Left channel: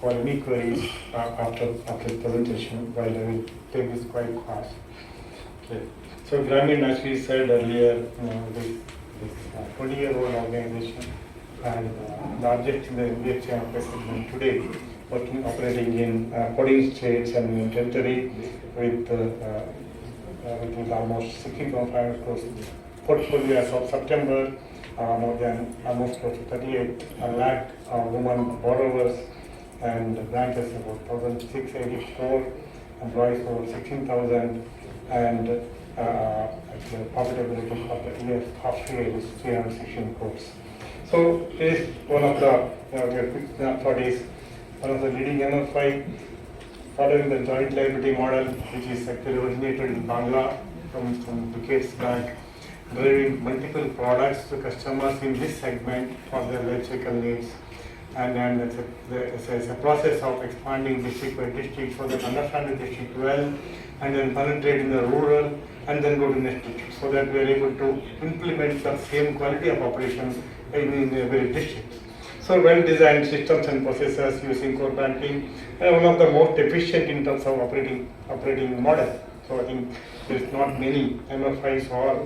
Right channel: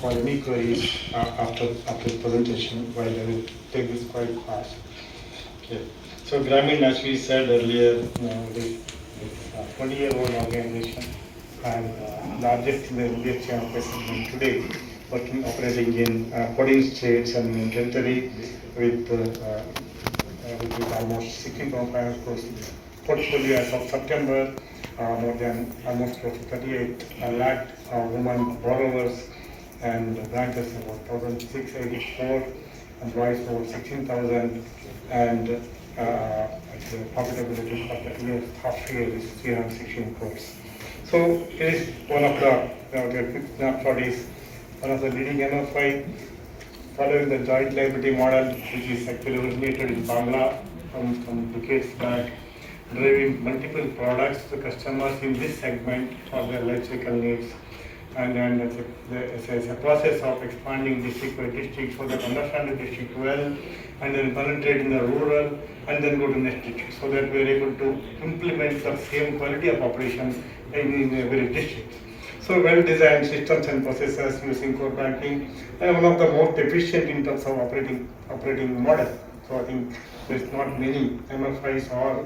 for any queries after the presentation, while I will take this quite fast. Okay. So Grameen, as we said earlier, this 20-year-old organization and largest in the NBFC and segment today, operating in 14 states and in territory with almost 16.5 crores portfolio as of September, more than almost close to 38 lakh women borrowers, and branches about 1,684, employees over 16,000, and the profitability for the year half year is 316 crores. So it is one of the quick snapshot is one of the leading MFI following the joint liability model, which is actually originated in Bangla from decades back, delivering multiple products to customers in this segment for their life cycle needs. And it's a process of expanding district by district so that understand the district well, and then penetrate in the rural, and then go to next district, so that we are able to implement the same quality of operation in every district. So well-designed systems and processes using core banking, and one of the most efficient in terms of operating model. So I think there is not many MFIs or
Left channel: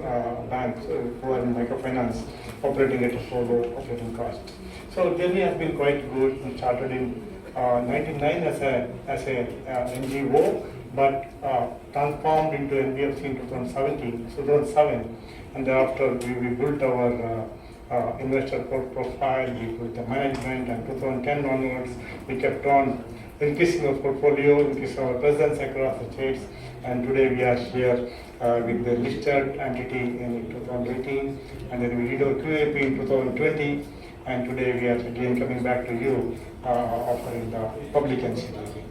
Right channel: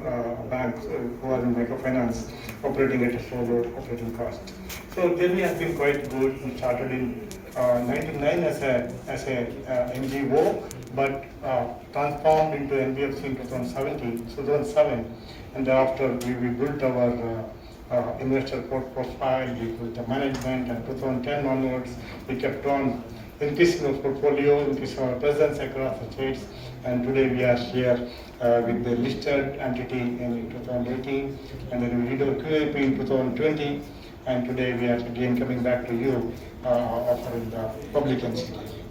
banks who are in microfinance operating at a so low operating cost. So journey has been quite good. We started in 99 as a NGO, but transformed into NBFC in 2007, and thereafter we built our investor profile, we built the management, and 2010 onwards we kept on increasing our portfolio, increasing our presence across the states, and today we are here with the listed entity in 2018, and then we did our QAP in 2020, and today we are again coming back to you offering the public NCD.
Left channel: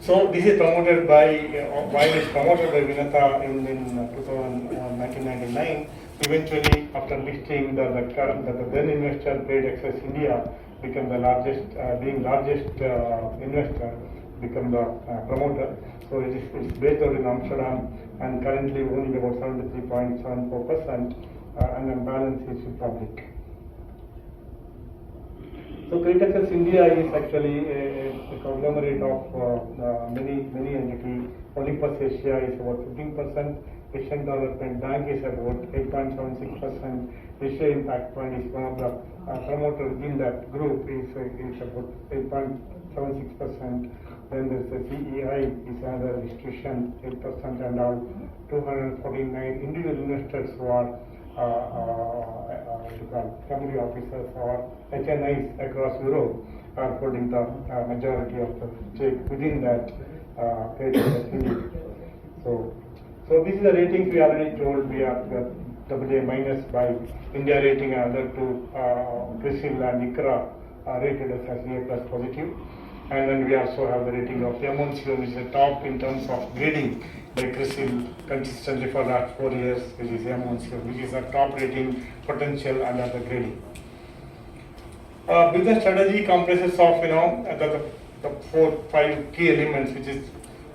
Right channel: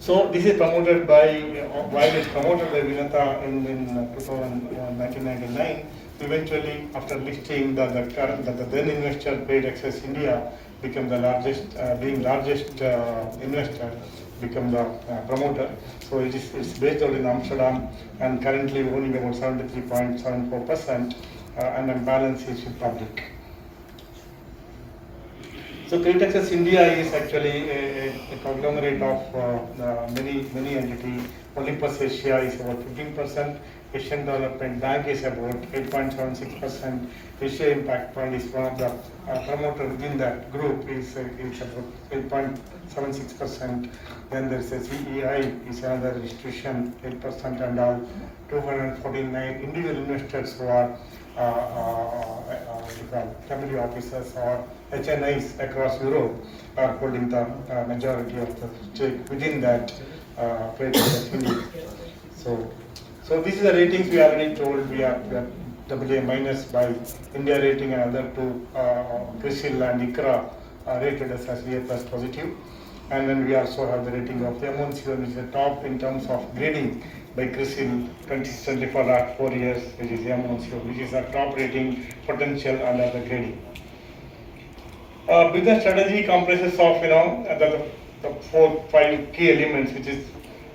So this is promoted by, while it's promoted by Vinata in 1999, eventually after listing the then investor CreditAccess India became the largest, investor, become the promoter. So it's based out in Amsterdam and currently owning about 73.74%, and the balance is public. So CreditAccess India is actually a conglomerate of many entities. Olympus Asia is about 15%. Asian Development Bank is about 8.76%. Asia Impact Fund is one of the promoter within that group is about 8.76%. Then there is a CEI is another institution 8%, and all 249 individual investors who are family officers or HNIs across Europe are holding the majority of the stake within that credit. So this is the ratings we already told. We are AA minus by India Rating, and other two CRISIL and ICRA rated us as A plus positive. And then we also have the rating of M1C, which is the top in terms of grading by CRISIL consistently for that 4 years, which is M1C, which is a top rating potential under the grading. Business strategy comprises of the 4-5 key elements, which is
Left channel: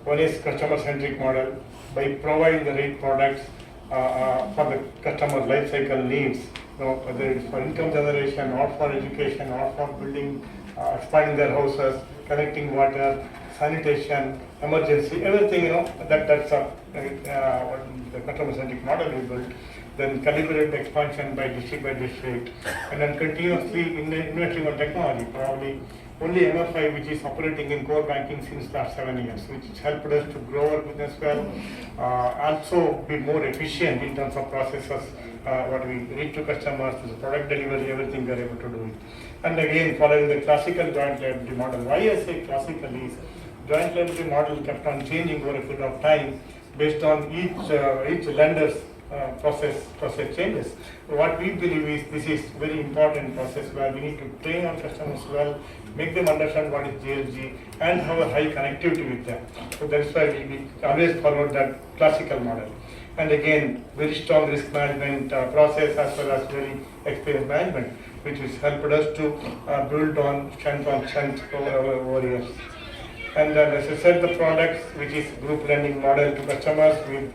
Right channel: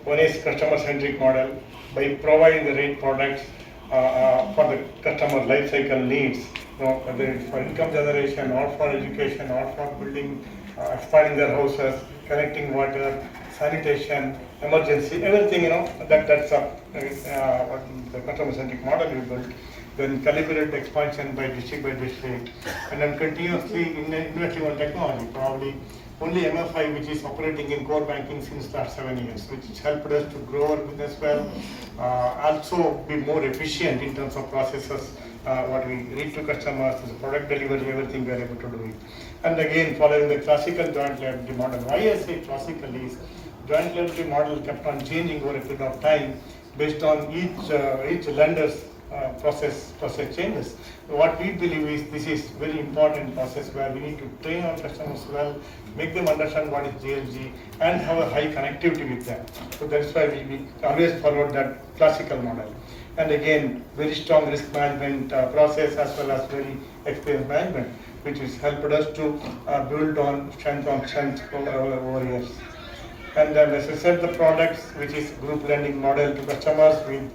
one is customer-centric model by providing the right products for the customer life cycle needs, whether it's for income generation or for education or for building, expanding their houses, connecting water, sanitation, emergency, everything, that's the customer-centric model we built. Then calibrate expansion by district, and then continuously investing on technology. Probably only MFI which is operating in core banking since last 7 years, which helped us to grow our business well, also be more efficient in terms of processes, what we reach to customers, the product delivery, everything we are able to do it. And again, following the classical joint liability model. Why I say classical is joint liability model kept on changing over a period of time based on each lender's process changes. What we believe is this is very important process where we need to train our customers well, make them understand what is JLG, and have a high connectivity with them. So that's why we always follow that classical model. And again, very strong risk management process as well as very experienced management, which has helped us to build on strength over years. And then as I said, the products, which is group lending model to customers with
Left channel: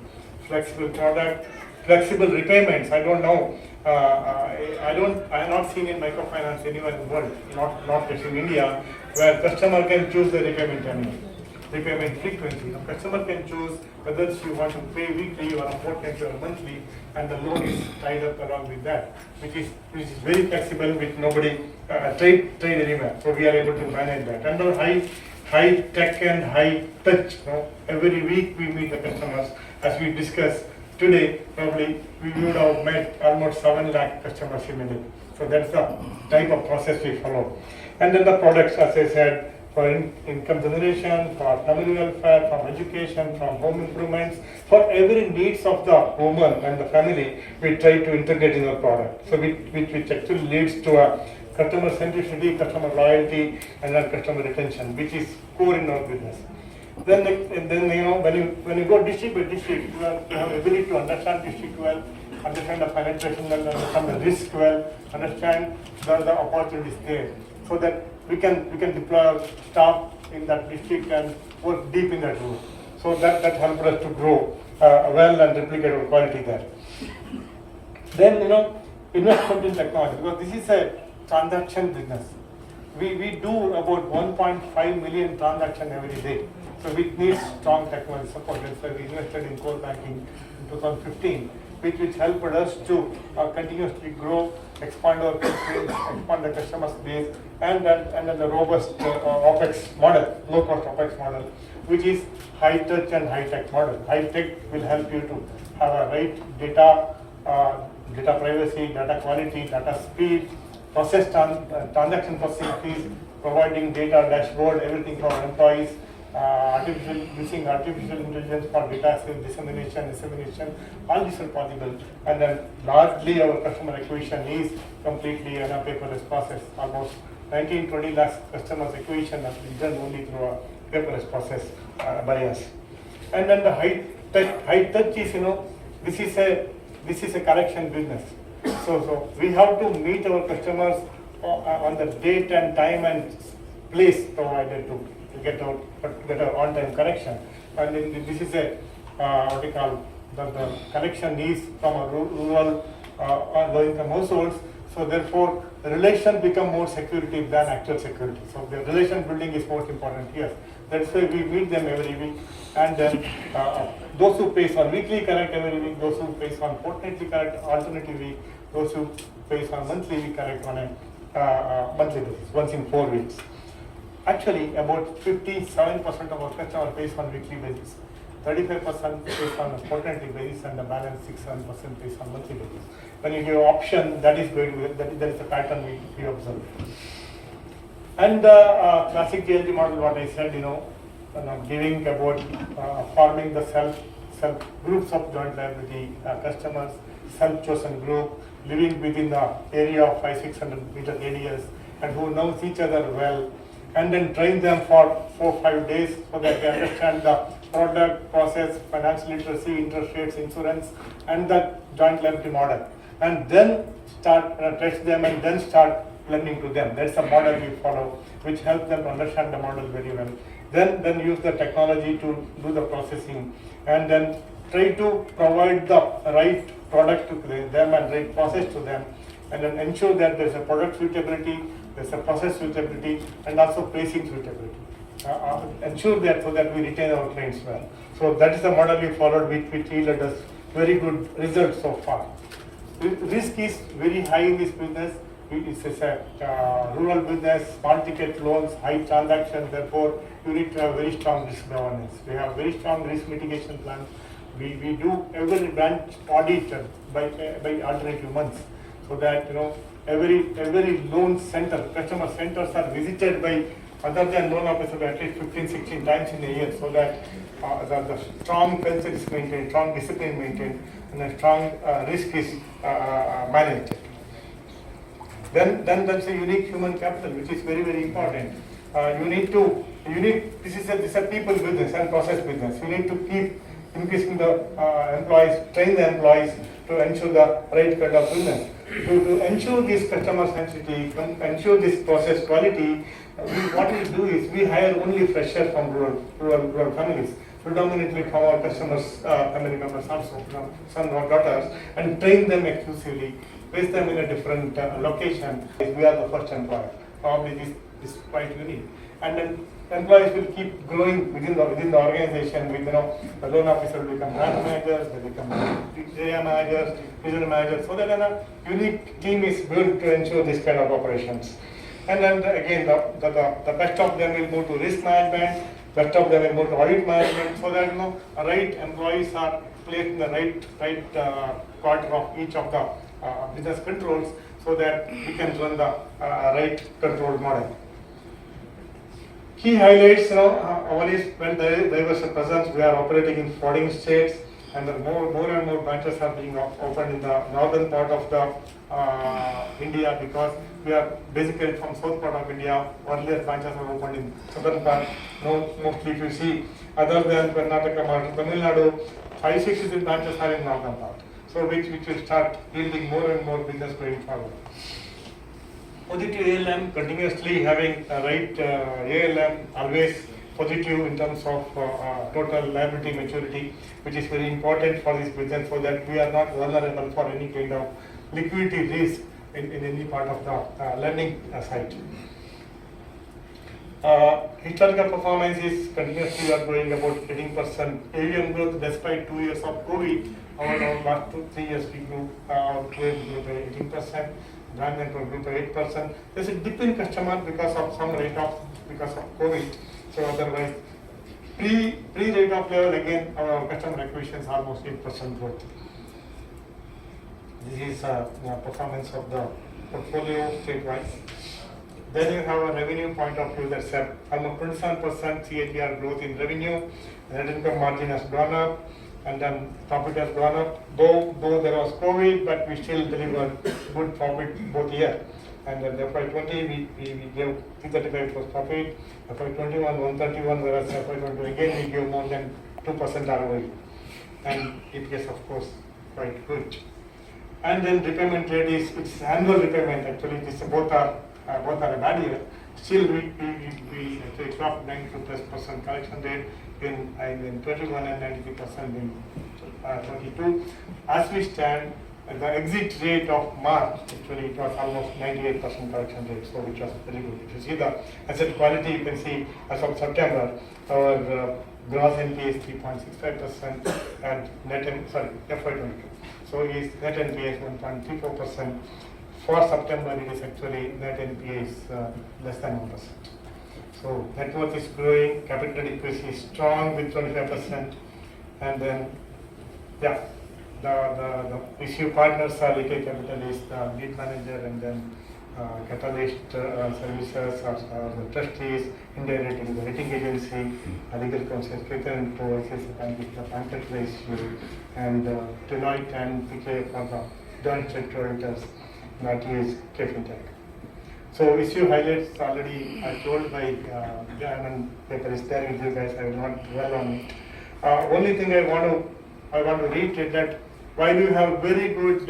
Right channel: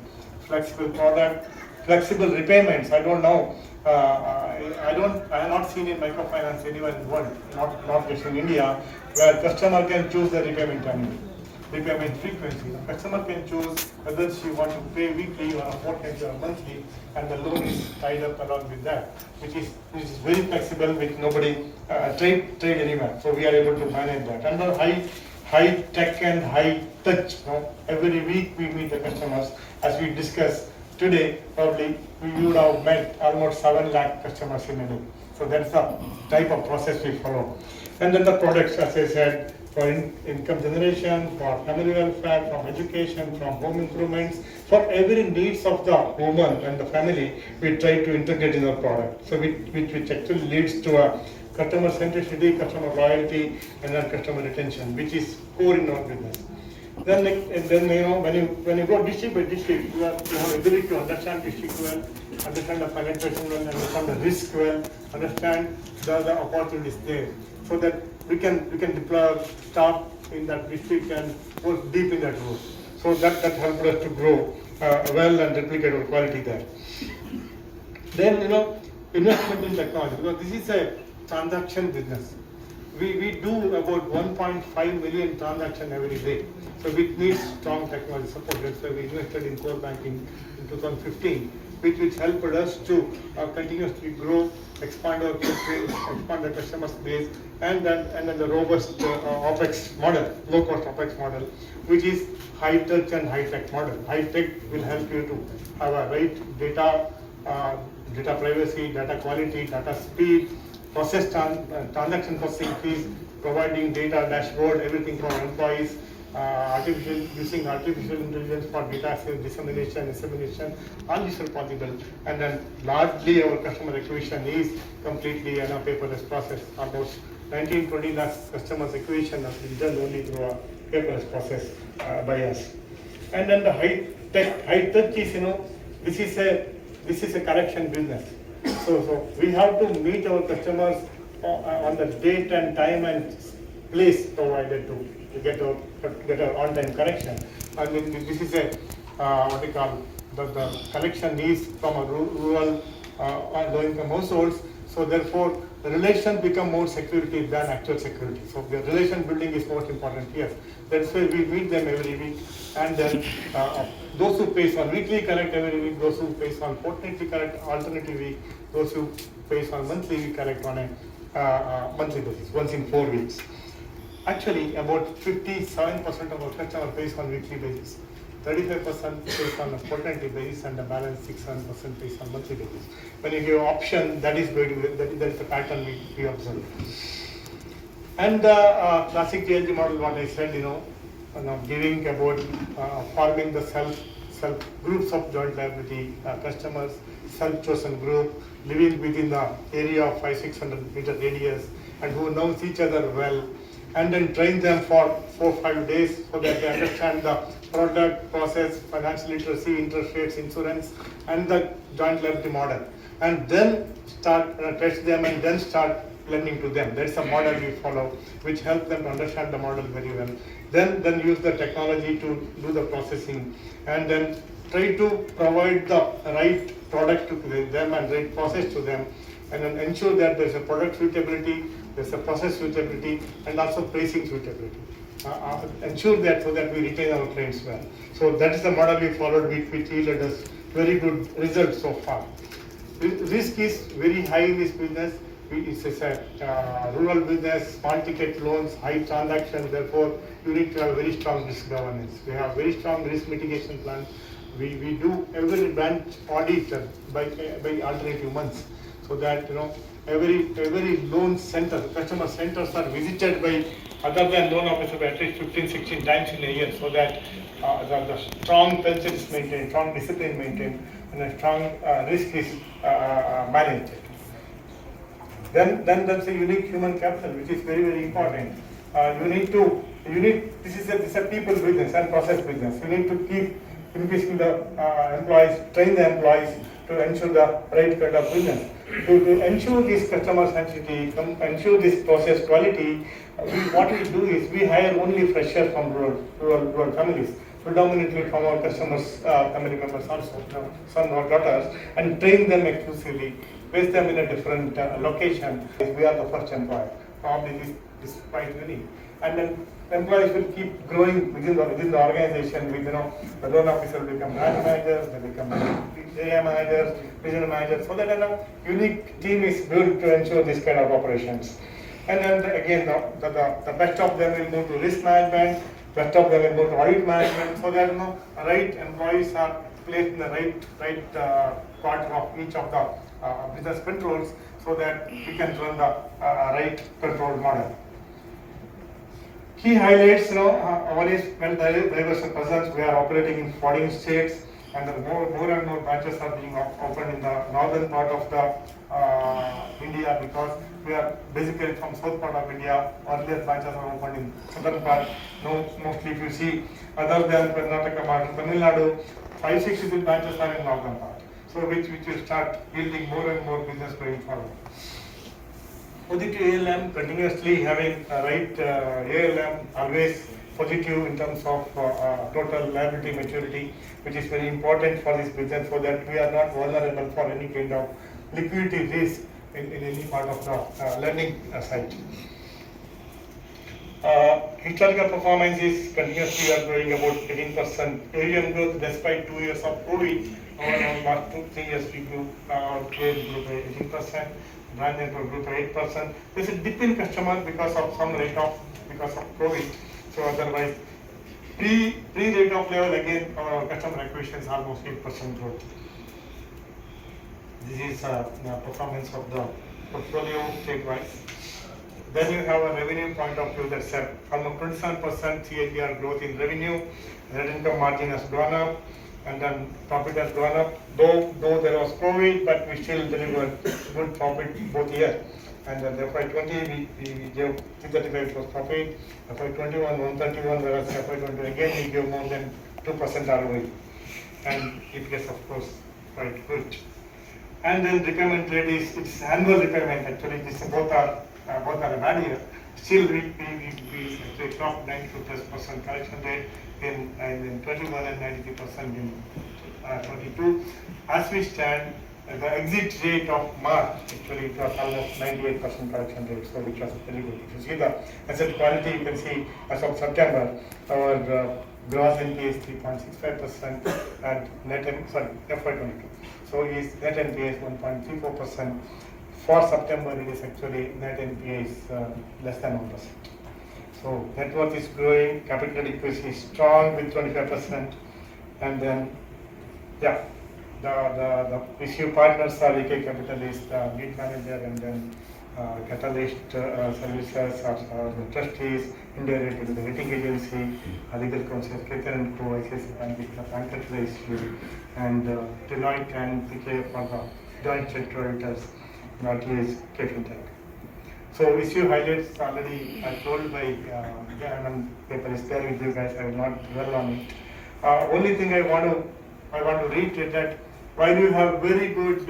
flexible product, flexible repayments. I don't know I have not seen in microfinance anywhere in the world, not just in India, where customer can choose the repayment terminal, repayment frequency. The customer can choose whether she wants to pay weekly or a fortnightly or monthly, and the loan is tied up along with that, which is very flexible, which nobody trade anywhere. So we are able to manage that. And the high tech and high touch. Every week we meet the customers. As we discussed today, probably we would have met almost 7 lakh customers in a day. So that's the type of process we follow. And then the products, as I said, for income generation, for family welfare, from education, from home improvements, for every needs of the woman and the family, we try to integrate in the product. So which actually leads to a customer centricity, customer loyalty, and then customer retention, which is core in our business. Then when you go district by district, you have ability to understand district well, understand the penetration well, understand the risk well, understand the opportunities there, so that we can deploy our staff in that district and work deep in that group. So that helped us to grow well and replicate our quality there. Then investment in technology, because this is a transaction business. We do about 1.5 million transactions every day. So we need strong technology support. That's why we invested in core banking in 2015, which helped us to continuously grow, expand our footprint, expand the customer base, and then the robust OPEX model, low cost OPEX model, which is high touch and high tech model. High tech will help you to have a right data, data privacy, data quality, data speed, transaction processing fees, providing data dashboard, everything for employees, using artificial intelligence for data dissemination, all these are possible. And then largely our customer acquisition is completely in a paperless process. Almost 19-20 lakh customers acquisition has been done only through a paperless process by us. And then the high touch is, this is a collection business. So we have to meet our customers on the date and time and place provided to get our on-time collection. And this is a what we call the collection is from a rural low-income households. So therefore, the relation become more security than actual security. So the relation building is most important here. That's why we meet them every week. And then those who pays on weekly collect every week, those who pays on fortnightly collect alternative week, those who pays on monthly we collect on a monthly basis, once in 4 weeks. Actually, about 57% of our customer pays on weekly basis, 35% pays on a fortnightly basis, and the balance 6-7% pays on monthly basis. When you give option, that is going to that is the pattern we observe. And the classic TLG model, what I said, giving about forming the self groups of joint liability customers, self-chosen group, living within the area of 500-600 meter radius, and who knows each other well, and then train them for 4-5 days so that they understand the product, process, financial literacy, interest rates, insurance, and the joint liability model. And then start test them and then start lending to them. That's the model we follow, which helps them understand the model very well. Then use the technology to do the processing, and then try to provide the right product to them and right process to them, and then ensure that there's a product suitability, there's a process suitability, and also pricing suitability. Ensure that so that we retain our clients well. So that is the model we followed, which yielded us very good results so far. Risk is very high in this business. It's a rural business, small ticket loans, high transactions. Therefore, you need to have very strong risk governance. We have very strong risk mitigation plan. We do every branch audit by alternative months, so that every loan center, customer centers are visited by other than loan officers at least 15-16 times in a year, so that the strong culture is maintained, strong discipline maintained, and a strong risk is managed. Then there's a unique human capital, which is very, very important. This is a people business and process business. You need to keep increasing the employees, train the employees to ensure the right kind of business. To ensure this customer centricity, ensure this process quality, what we do is we hire only freshers from rural families, predominantly from our customers, family members also, sons or daughters, and train them exclusively. base them in a different location. We are the first employer. Probably this is quite unique. And then employees will keep growing within the organization. With the loan officer will become branch managers, they become area managers, regional managers. So that a unique team is built to ensure this kind of operations. And then again, the best of them will move to risk management. Best of them will move to audit management. So that right employees are placed in the right quarter of each of the business controls, so that we can run the right control model. Key highlights, one is when there was a presence, we are operating in 14 states, and more and more branches are being opened in the northern part of the India, because we are basically from south part of India. Earlier branches are opened in southern part. Mostly if you see, other than Karnataka, Tamil Nadu, 5-6 branches are in northern part. So which will start yielding more and more business going forward. Positive ALM, continuously having right ALM, always positive in terms of total liability maturity, which is very important for this business, so that we are not vulnerable for any kind of liquidity risk in any part of the lending side. Historical performance is continuously are growing about 18% AUM growth despite 2 years of COVID. Our last 2-3 years we grew, our trade grew by 18%. Branch network grew by 8%. There's a dip in customer because of some write-off because of COVID. So otherwise, pre-write-off level, again, our customer acquisition is almost 8% growth. This is the performance of the portfolio state-wise. Then you have a revenue point of view. That's almost 27% CAGR growth in revenue. Net income margin has gone up, and then profit has gone up. Though there was COVID, but we still delivered good profit both year. And then FY20 we gave 335 was profit. FY21 131, whereas FY20 again we gave more than 2% ROE. And EPS of course quite good. And then repayment rate is it's annual repayment. Actually, this both are a bad year. Still we dropped 92+% collection rate in 21 and 93% in 22. As we stand, the exit rate of March, actually it was almost 98% collection rate, so which was very good. If you see the asset quality, you can see as of September, our gross NPA is 3.65% and FY22. So is net NPA is 1.34%. For September, it is actually net NPA is less than 1%. So net worth is growing, capital adequacy is strong with 25%, and then the issue partners are retail capitalists, the lead manager, and then catalyst services are the trustees, India rating, the rating agency, legal counsel, and Co, banker issue, and Deloitte and PK for the joint sectoritors, not is KFintech. So issue highlights already told by Jan, paper is there with you guys. I will not dwell on it. Only thing I want to reiterate that while you have very good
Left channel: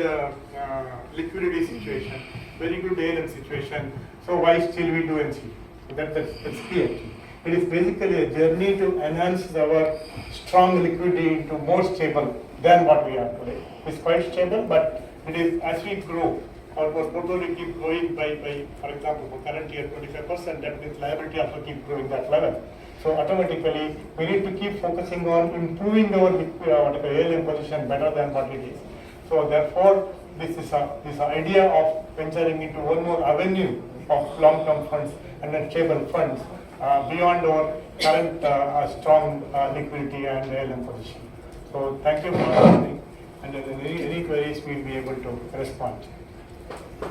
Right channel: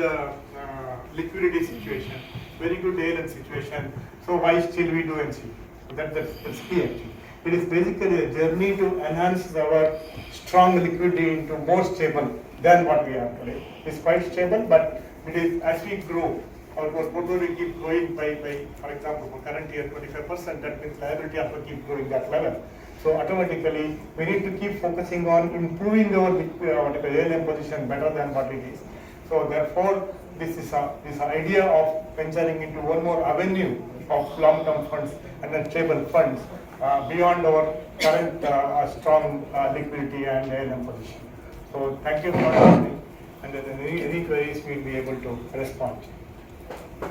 liquidity situation, very good ALM situation, so why still we do NCD? So that's key actually. It is basically a journey to enhance our strong liquidity into more stable than what we are today. It's quite stable, but it is as we grow, our portfolio keep growing by for example, for current year 25%, that means liability also keep growing that level. So automatically, we need to keep focusing on improving our ALM position better than what it is. So therefore, this idea of venturing into one more avenue of long-term funds and then stable funds beyond our current strong liquidity and ALM position. So thank you for listening, and then any queries we'll be able to respond.